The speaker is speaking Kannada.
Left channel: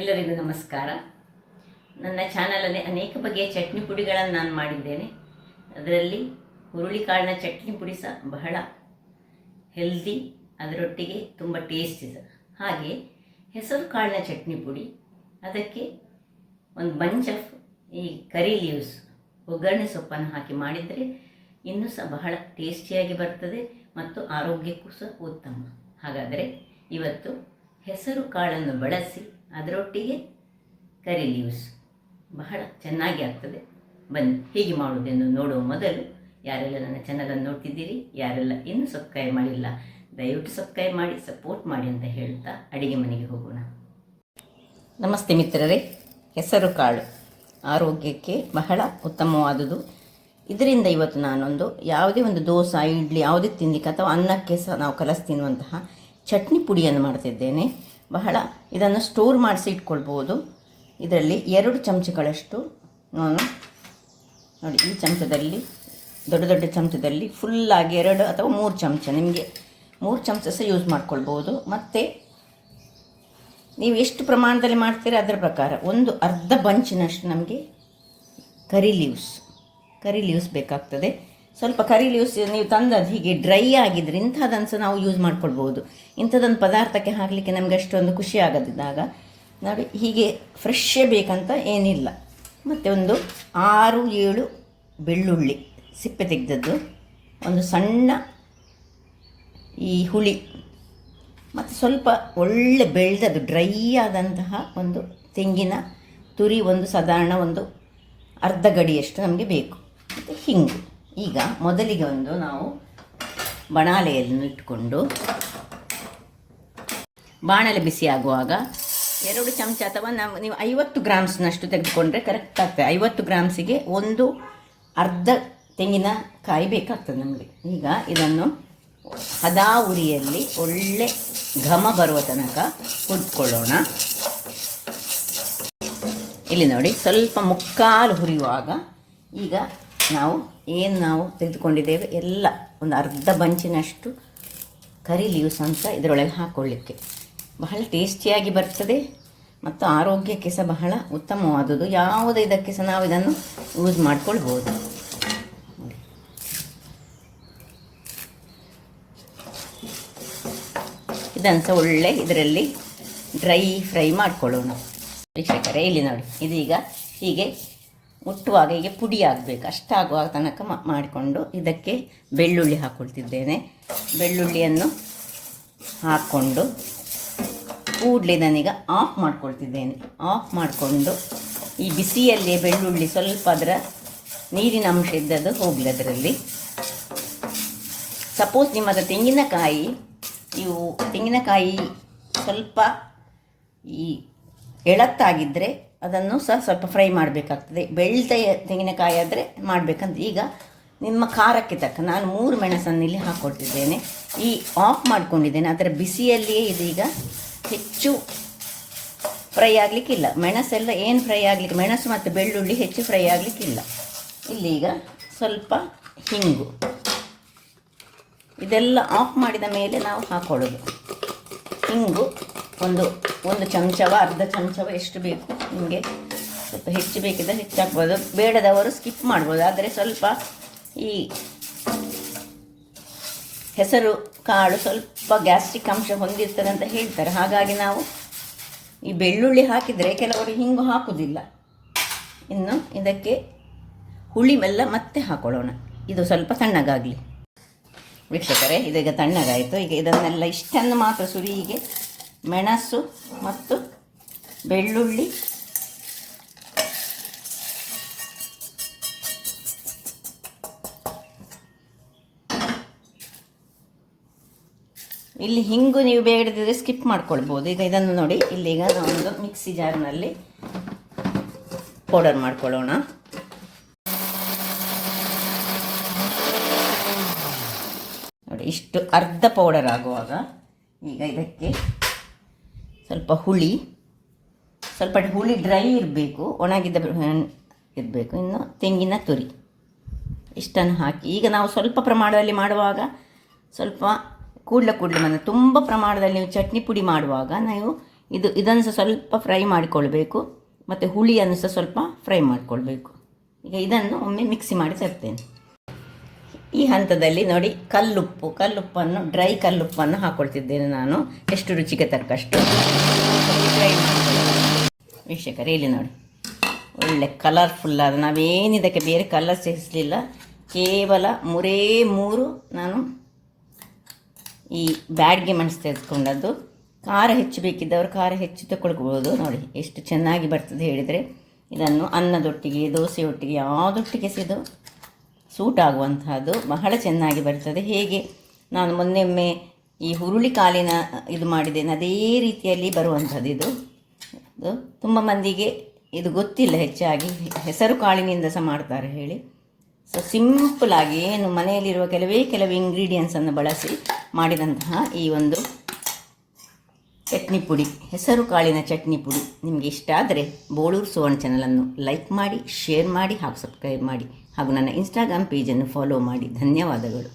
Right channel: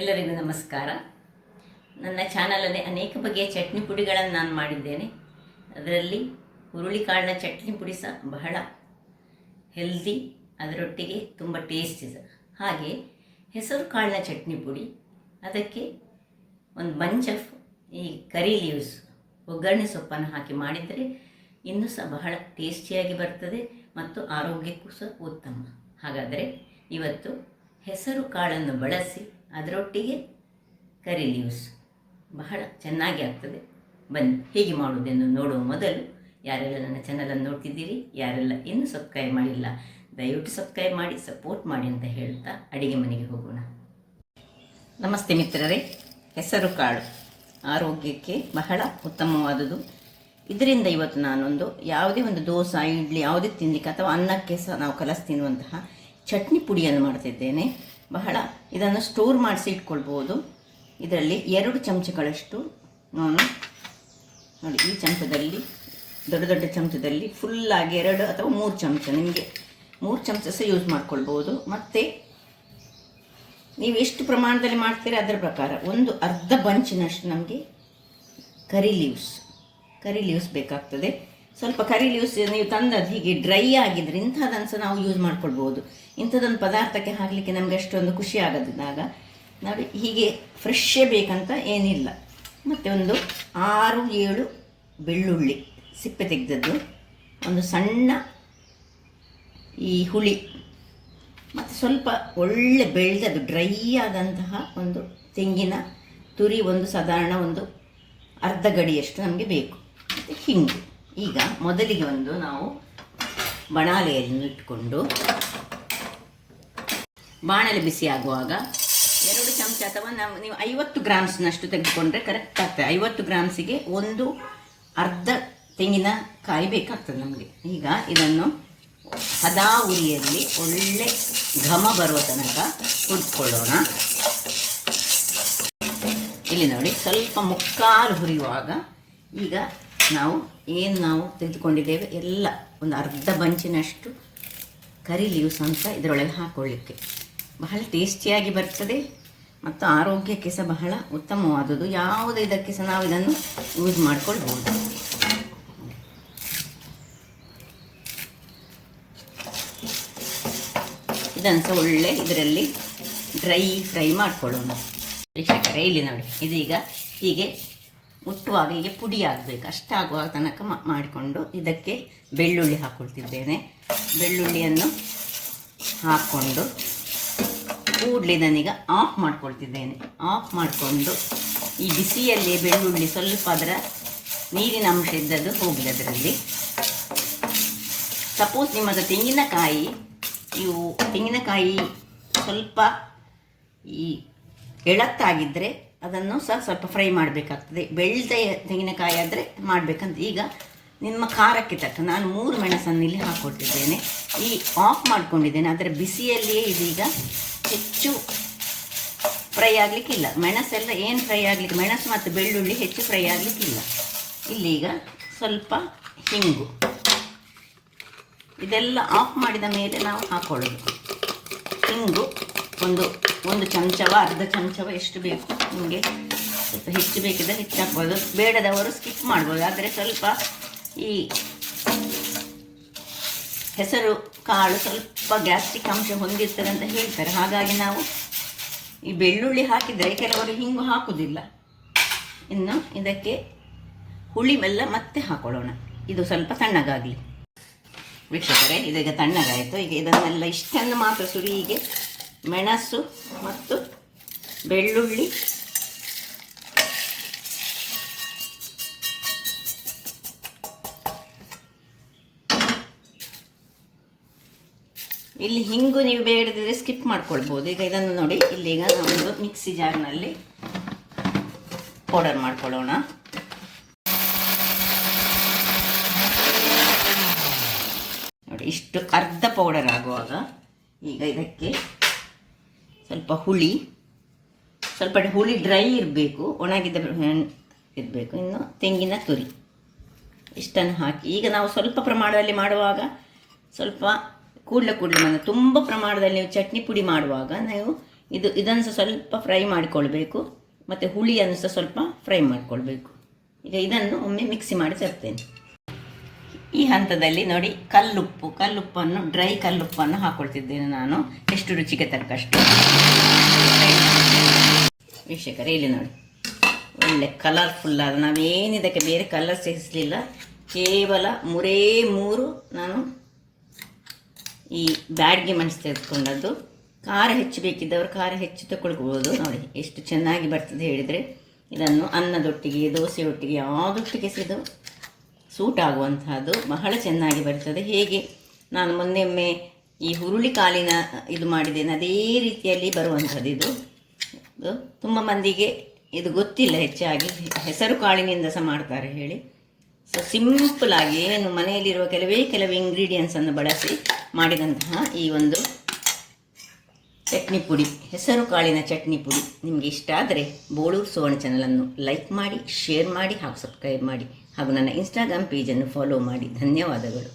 ಎಲ್ಲರಿಗೂ ನಮಸ್ಕಾರ. ನನ್ನ ಚಾನಲಲ್ಲಿ ಅನೇಕ ಬಗೆಯ ಚಟ್ನಿ ಪುಡಿಗಳನ್ನು ನಾನು ಮಾಡಿದ್ದೇನೆ. ಅದರಲ್ಲಿ ಹುರುಳಿಕಾಳಿನ ಚಟ್ನಿ ಪುಡಿ ಸಹ ಬಹಳ ಹೆಲ್ದಿ, ಅದರೊಟ್ಟಿಗೆ ತುಂಬ ಟೇಸ್ಟಿ ಸಹ. ಹಾಗೆ ಹೆಸರು ಕಾಳಿನ ಚಟ್ನಿ ಪುಡಿ, ಅದಕ್ಕೆ ಒಂದು ಬಂಚ್ ಆಫ್ ಈ ಕರಿ ಲೀವ್ಸ್, ಒಗ್ಗರಣೆ ಸೊಪ್ಪನ್ನು ಹಾಕಿ ಮಾಡಿದರೆ ಇನ್ನೂ ಸಹ ಬಹಳ ಟೇಸ್ಟಿಯಾಗಿ ಬರ್ತದೆ ಮತ್ತು ಆರೋಗ್ಯಕ್ಕೂ ಸಹ ಉತ್ತಮ. ಹಾಗಾದರೆ ಇವತ್ತು ಹೆಸರು ಕಾಳನ್ನು ಬಳಸಿ ಅದರೊಟ್ಟಿಗೆ ಕರಿ ಲೀವ್ಸ್ ಬಹಳ ಚೆನ್ನಾಗಿ ಆಗ್ತದೆ. ಬನ್ನಿ ಹೇಗೆ ಮಾಡುವುದೆಂದು ನೋಡುವ ಮೊದಲು ಯಾರೆಲ್ಲ ನನ್ನ ಚಾನಲನ್ನು ನೋಡ್ತಿದ್ದೀರಿ, ಯಾರೆಲ್ಲ ಇನ್ನೂ ಸಬ್ಸ್ಕ್ರೈಬ್ ಮಾಡಿಲ್ಲ, ದಯವಿಟ್ಟು ಸಬ್ಸ್ಕ್ರೈಬ್ ಮಾಡಿ ಸಪೋರ್ಟ್ ಮಾಡಿ ಅಂತ ಹೇಳ್ತಾ ಅಡಿಗೆ ಮನೆಗೆ ಹೋಗೋಣ. ನಮಸ್ತೆ ಮಿತ್ರರೇ. ಹೆಸರು ಕಾಳು ಆರೋಗ್ಯಕ್ಕೆ ಬಹಳ ಉತ್ತಮವಾದುದು. ಇದರಿಂದ ಇವತ್ತು ನಾನೊಂದು ಯಾವುದೇ ಒಂದು ದೋಸೆ, ಇಡ್ಲಿ ಯಾವುದೇ ತಿನ್ನಲಿಕ್ಕೆ ಅಥವಾ ಅನ್ನಕ್ಕೆ ಸಹ ನಾವು ಕಲಸಿ ತಿನ್ನುವಂತಹ ಚಟ್ನಿ ಪುಡಿಯನ್ನು ಮಾಡ್ತಿದ್ದೇನೆ. ಬಹಳ ಇದನ್ನು ಸ್ಟೋರ್ ಮಾಡಿಸಿ ಇಟ್ಕೊಳ್ಬೋದು. ಇದರಲ್ಲಿ 2 ಚಮಚಗಳಷ್ಟು ನಾನು ನೋಡಿ, ಈ ಚಮಚದಲ್ಲಿ ದೊಡ್ಡ ದೊಡ್ಡ ಚಮಚದಲ್ಲಿ ಫುಲ್ಲಾಗಿ 2 ಅಥವಾ 3 ಚಮಚ, ನಿಮಗೆ 3 ಚಮಚ ಸಹ ಯೂಸ್ ಮಾಡ್ಕೊಳ್ಬೋದು. ಮತ್ತು ನೀವು ಎಷ್ಟು ಪ್ರಮಾಣದಲ್ಲಿ ಮಾಡ್ತೀರಾ ಅದರ ಪ್ರಕಾರ ಒಂದು ಅರ್ಧ ಬಂಚಿನಷ್ಟು ನಮಗೆ ಕರಿ ಲೀವ್ಸ್ ಬೇಕಾಗ್ತದೆ. ಸ್ವಲ್ಪ ಕರಿ ಲೀವ್ಸ್ ನೀವು ತಂದದ್ದು ಹೀಗೆ ಡ್ರೈ ಆಗಿದ್ರೆ ಇಂಥದ್ದನ್ನು ಸಹ ನಾವು ಯೂಸ್ ಮಾಡ್ಕೊಳ್ಬೋದು. ಇಂಥದ್ದೊಂದು ಪದಾರ್ಥಕ್ಕೆ ಹಾಕಲಿಕ್ಕೆ ನಮಗೆ ಅಷ್ಟೊಂದು ಖುಷಿ ಆಗದಿದ್ದಾಗ ನಾವು ಹೀಗೆ ಫ್ರೆಶ್ಶೇ ಬೇಕಂತ ಏನಿಲ್ಲ. ಮತ್ತು ಒಂದು 6-7 ಬೆಳ್ಳುಳ್ಳಿ ಸಿಪ್ಪೆ ತೆಗೆದದ್ದು, ಒಂದು ಸಣ್ಣ ಈ ಹುಳಿ, ಮತ್ತು ಸ್ವಲ್ಪ ಒಳ್ಳೆ ಬೆಳೆದದ್ದು ಡ್ರೈ ಆದಂತಹ ಒಂದು ತೆಂಗಿನ ತುರಿ, ಒಂದು ಸಾಧಾರಣ ಒಂದು ಅರ್ಧ ಗಡಿಯಷ್ಟು ನಮಗೆ ಬೇಕು. ಮತ್ತು ಹಿಂಗು. ಈಗ ಮೊದಲಿಗೆ ಒಂದು ನಾವು ಬಾಣಲೆಯನ್ನು ಇಟ್ಕೊಂಡು, ಬಾಣಲೆ ಬಿಸಿ ಆಗುವಾಗ 2 ಚಮಚ ಅಥವಾ ನೀವು 50 ಗ್ರಾಮ್ಸ್ನಷ್ಟು ತೆಗೆದುಕೊಂಡ್ರೆ ಕರೆಕ್ಟ್ ಆಗ್ತದೆ. 50 ಗ್ರಾಮ್ಸಿಗೆ ಒಂದು ಅರ್ಧ ತೆಂಗಿನಕಾಯಿ ಬೇಕಾಗ್ತದೆ ನಮಗೆ. ಈಗ ಇದನ್ನು ಹದಾ ಉರಿಯಲ್ಲಿ ಒಳ್ಳೆ ಘಮ ಬರುವ ತನಕ ಹುರ್ಕೊಳ್ಳೋಣ. ಇಲ್ಲಿ ನೋಡಿ, ಸ್ವಲ್ಪ ಮುಕ್ಕಾಲು ಹುರಿಯುವಾಗ ಈಗ ನಾವು ತೆಗೆದುಕೊಂಡಿದ್ದೇವೆ ಎಲ್ಲ ಒಂದು ಅರ್ಧ ಬಂಚಿನಷ್ಟು ಕರಿ ಲೀವ್ಸ್ ಅಂತ ಇದರೊಳಗೆ ಹಾಕ್ಕೊಳ್ಳಿಕ್ಕೆ ಬಹಳ ಟೇಸ್ಟಿಯಾಗಿ ಬರ್ತದೆ ಮತ್ತು ಆರೋಗ್ಯಕ್ಕೆ ಸಹ ಬಹಳ ಉತ್ತಮವಾದುದು. ಯಾವುದೇ ಇದಕ್ಕೆ ಸಹ ನಾವು ಇದನ್ನು ಯೂಸ್ ಮಾಡ್ಕೊಳ್ಬೋದು. ಇದನ್ನು ಸಹ ಒಳ್ಳೆ ಇದರಲ್ಲಿ ಡ್ರೈ ಫ್ರೈ ಮಾಡ್ಕೊಳ್ಳೋಣ. ವೀಕ್ಷಕರೇ, ಇಲ್ಲಿ ನೋಡಿ, ಇದೀಗ ಹೀಗೆ ಮುಟ್ಟುವಾಗ ಹೀಗೆ ಪುಡಿ ಆಗಬೇಕು, ಅಷ್ಟಾಗುವಾಗ ತನಕ ಮಾಡಿಕೊಂಡು ಇದಕ್ಕೆ ಬೆಳ್ಳುಳ್ಳಿ ಹಾಕ್ಕೊಳ್ತಿದ್ದೇನೆ. ಬೆಳ್ಳುಳ್ಳಿಯನ್ನು ಹಾಕ್ಕೊಂಡು ಕೂಡಲೇ ನಾನೀಗ ಆಫ್ ಮಾಡ್ಕೊಳ್ತಿದ್ದೇನೆ. ಆಫ್ ಮಾಡಿಕೊಂಡು ಈ ಬಿಸಿಯಲ್ಲಿ ಬೆಳ್ಳುಳ್ಳಿ ಸ್ವಲ್ಪ ಅದರ ನೀರಿನ ಅಂಶ ಇದ್ದದ್ದು ಹೋಗಲಿ ಅದರಲ್ಲಿ. ಸಪೋಸ್ ನಿಮ್ಮದು ತೆಂಗಿನಕಾಯಿ ಸ್ವಲ್ಪ ಈ ಎಳತ್ತಾಗಿದ್ದರೆ ಅದನ್ನು ಸಹ ಸ್ವಲ್ಪ ಫ್ರೈ ಮಾಡಬೇಕಾಗ್ತದೆ. ಬೆಳೆದ ತೆಂಗಿನಕಾಯಿ ಆದರೆ ಮಾಡಬೇಕಂತ. ಈಗ ನಿಮ್ಮ ಖಾರಕ್ಕೆ ತಕ್ಕ ನಾನು 3 ಮೆಣಸನ್ನು ಇಲ್ಲಿ ಹಾಕ್ಕೊಳ್ತಿದ್ದೇನೆ. ಈ ಆಫ್ ಮಾಡ್ಕೊಂಡಿದ್ದೇನೆ. ಅದರ ಬಿಸಿಯಲ್ಲಿಯೇ ಇದೀಗ ಹೆಚ್ಚು ಫ್ರೈ ಆಗಲಿಕ್ಕಿಲ್ಲ. ಮೆಣಸೆಲ್ಲ ಏನು ಫ್ರೈ ಆಗಲಿಕ್ಕೆ, ಮೆಣಸು ಮತ್ತು ಬೆಳ್ಳುಳ್ಳಿ ಹೆಚ್ಚು ಫ್ರೈ ಆಗಲಿಕ್ಕಿಲ್ಲ. ಇಲ್ಲೀಗ ಸ್ವಲ್ಪ ಹಿಂಗು, ಇದೆಲ್ಲ ಆಫ್ ಮಾಡಿದ ಮೇಲೆ ನಾವು ಹಾಕ್ಕೊಳ್ಳೋದು. ಹಿಂಗು ಒಂದು ಚಮಚವ ಅರ್ಧ ಚಮಚವ ಎಷ್ಟು ಬೇಕು ನಿಮಗೆ. ಸ್ವಲ್ಪ ಹೆಚ್ಚು ಬೇಕಿದ್ದರೆ ಹೆಚ್ಚು ಹಾಕ್ಬೋದು, ಬೇಡದವರು ಸ್ಕಿಪ್ ಮಾಡ್ಬೋದು. ಆದರೆ ಸ್ವಲ್ಪ ಈ ಹೆಸರು ಕಾಳು ಸ್ವಲ್ಪ ಗ್ಯಾಸ್ಟ್ರಿಕ್ ಅಂಶ ಹೊಂದಿರ್ತದೆ ಅಂತ ಹೇಳ್ತಾರೆ. ಹಾಗಾಗಿ ನಾವು ಈ ಬೆಳ್ಳುಳ್ಳಿ ಹಾಕಿದರೆ ಕೆಲವರು ಹಿಂಗು ಹಾಕುವುದಿಲ್ಲ. ಇನ್ನು ಇದಕ್ಕೆ ಹುಳಿ ಬೆಲ್ಲ ಮತ್ತೆ ಹಾಕೊಳ್ಳೋಣ. ಇದು ಸ್ವಲ್ಪ ತಣ್ಣಗಾಗಲಿ. ವೀಕ್ಷಕರೇ, ಇದೀಗ ತಣ್ಣಗಾಯಿತು. ಈಗ ಇದನ್ನೆಲ್ಲ ಇಷ್ಟನ್ನು ಮಾತ್ರ ಹೀಗೆ ಮೆಣಸು ಮತ್ತು ಬೆಳ್ಳುಳ್ಳಿ ಇಲ್ಲಿ ಹಿಂಗು ನೀವು ಬೇಡದಿದ್ರೆ ಸ್ಕಿಪ್ ಮಾಡ್ಕೊಳ್ಬೋದು. ಈಗ ಇದನ್ನು ನೋಡಿ, ಇಲ್ಲೀಗ ನಾವೊಂದು ಮಿಕ್ಸಿ ಜಾರ್ನಲ್ಲಿ ಪೌಡರ್ ಮಾಡ್ಕೊಳ್ಳೋಣ. ನೋಡಿ, ಇಷ್ಟು ಅರ್ಧ ಪೌಡರ್ ಆಗುವಾಗ ಈಗ ಇದಕ್ಕೆ ಸ್ವಲ್ಪ ಹುಳಿ ಡ್ರೈ ಇರಬೇಕು, ಒಣಗಿದ ಇರಬೇಕು. ಇನ್ನು ತೆಂಗಿನ ತುರಿ ಇಷ್ಟನ್ನು ಹಾಕಿ ಈಗ ನಾವು ಸ್ವಲ್ಪ ಪ್ರಮಾಣದಲ್ಲಿ ಮಾಡುವಾಗ ಸ್ವಲ್ಪ ಕೂಡಲೇ ತುಂಬ ಪ್ರಮಾಣದಲ್ಲಿ ನೀವು ಚಟ್ನಿ ಪುಡಿ ಮಾಡುವಾಗ ನೀವು ಇದನ್ನು ಸಹ ಸ್ವಲ್ಪ ಫ್ರೈ ಮಾಡಿಕೊಳ್ಬೇಕು, ಮತ್ತು ಹುಳಿಯನ್ನು ಸಹ ಸ್ವಲ್ಪ ಫ್ರೈ ಮಾಡಿಕೊಳ್ಬೇಕು. ಈಗ ಇದನ್ನು ಒಮ್ಮೆ ಮಿಕ್ಸಿ ಮಾಡಿ ತರ್ತೇನೆ. ಈ ಹಂತದಲ್ಲಿ ನೋಡಿ ಕಲ್ಲುಪ್ಪನ್ನು ಡ್ರೈ ಕಲ್ಲುಪ್ಪನ್ನು ಹಾಕ್ಕೊಳ್ತಿದ್ದೇನೆ ನಾನು, ಎಷ್ಟು ರುಚಿಗೆ ತಕ್ಕಷ್ಟು. ವೀಕ್ಷಕರೇ, ಇಲ್ಲಿ ನೋಡಿ ಒಳ್ಳೆ ಕಲರ್ಫುಲ್ಲಾದ, ನಾವೇನಿದಕ್ಕೆ ಬೇರೆ ಕಲರ್ ಸೇರಿಸಲಿಲ್ಲ, ಕೇವಲ 3 ನಾನು ಈ ಬ್ಯಾಡ್ಗೆ ಮೆಣಸು ತೆಗೆದುಕೊಂಡದ್ದು. ಖಾರ ಹೆಚ್ಚು ಬೇಕಿದ್ದವರು ಖಾರ ಹೆಚ್ಚು ತಗೊಳ್ಬೋದು. ನೋಡಿ ಎಷ್ಟು ಚೆನ್ನಾಗಿ ಬರ್ತದೆ ಹೇಳಿದರೆ. ಇದನ್ನು ಅನ್ನದೊಟ್ಟಿಗೆ, ದೋಸೆಯೊಟ್ಟಿಗೆ, ಯಾವುದೊಟ್ಟಿಗೆ ಇದು ಸೂಟ್ ಆಗುವಂತಹದ್ದು, ಬಹಳ ಚೆನ್ನಾಗಿ ಬರ್ತದೆ. ಹೇಗೆ ನಾನು ಮೊನ್ನೆೊಮ್ಮೆ ಈ ಹುರುಳಿ ಕಾಳಿನ ಇದು ಮಾಡಿದ್ದೇನೆ, ಅದೇ ರೀತಿಯಲ್ಲಿ ಬರುವಂಥದ್ದು ಇದು. ತುಂಬ ಮಂದಿಗೆ ಇದು ಗೊತ್ತಿಲ್ಲ, ಹೆಚ್ಚಾಗಿ ಹೆಸರು ಕಾಳಿನಿಂದ ಸಹ ಮಾಡ್ತಾರೆ ಹೇಳಿ. ಸೊ ಸಿಂಪಲಾಗಿ ಏನು ಮನೆಯಲ್ಲಿರುವ ಕೆಲವೇ ಇಂಗ್ರೀಡಿಯೆಂಟ್ಸನ್ನು ಬಳಸಿ ಮಾಡಿದಂತಹ ಈ ಒಂದು ಚಟ್ನಿ ಪುಡಿ, ಹೆಸರು ಕಾಳಿನ ಚಟ್ನಿ ಪುಡಿ ನಿಮಗೆ ಇಷ್ಟ ಆದರೆ ಬೋಳೂರು ಸುವರ್ಣ ಚಾನಲನ್ನು ಲೈಕ್ ಮಾಡಿ, ಶೇರ್ ಮಾಡಿ ಹಾಗೂ ಸಬ್ಸ್ಕ್ರೈಬ್ ಮಾಡಿ, ಹಾಗೂ ನನ್ನ ಇನ್ಸ್ಟಾಗ್ರಾಮ್ ಪೇಜನ್ನು ಫಾಲೋ ಮಾಡಿ. ಧನ್ಯವಾದಗಳು.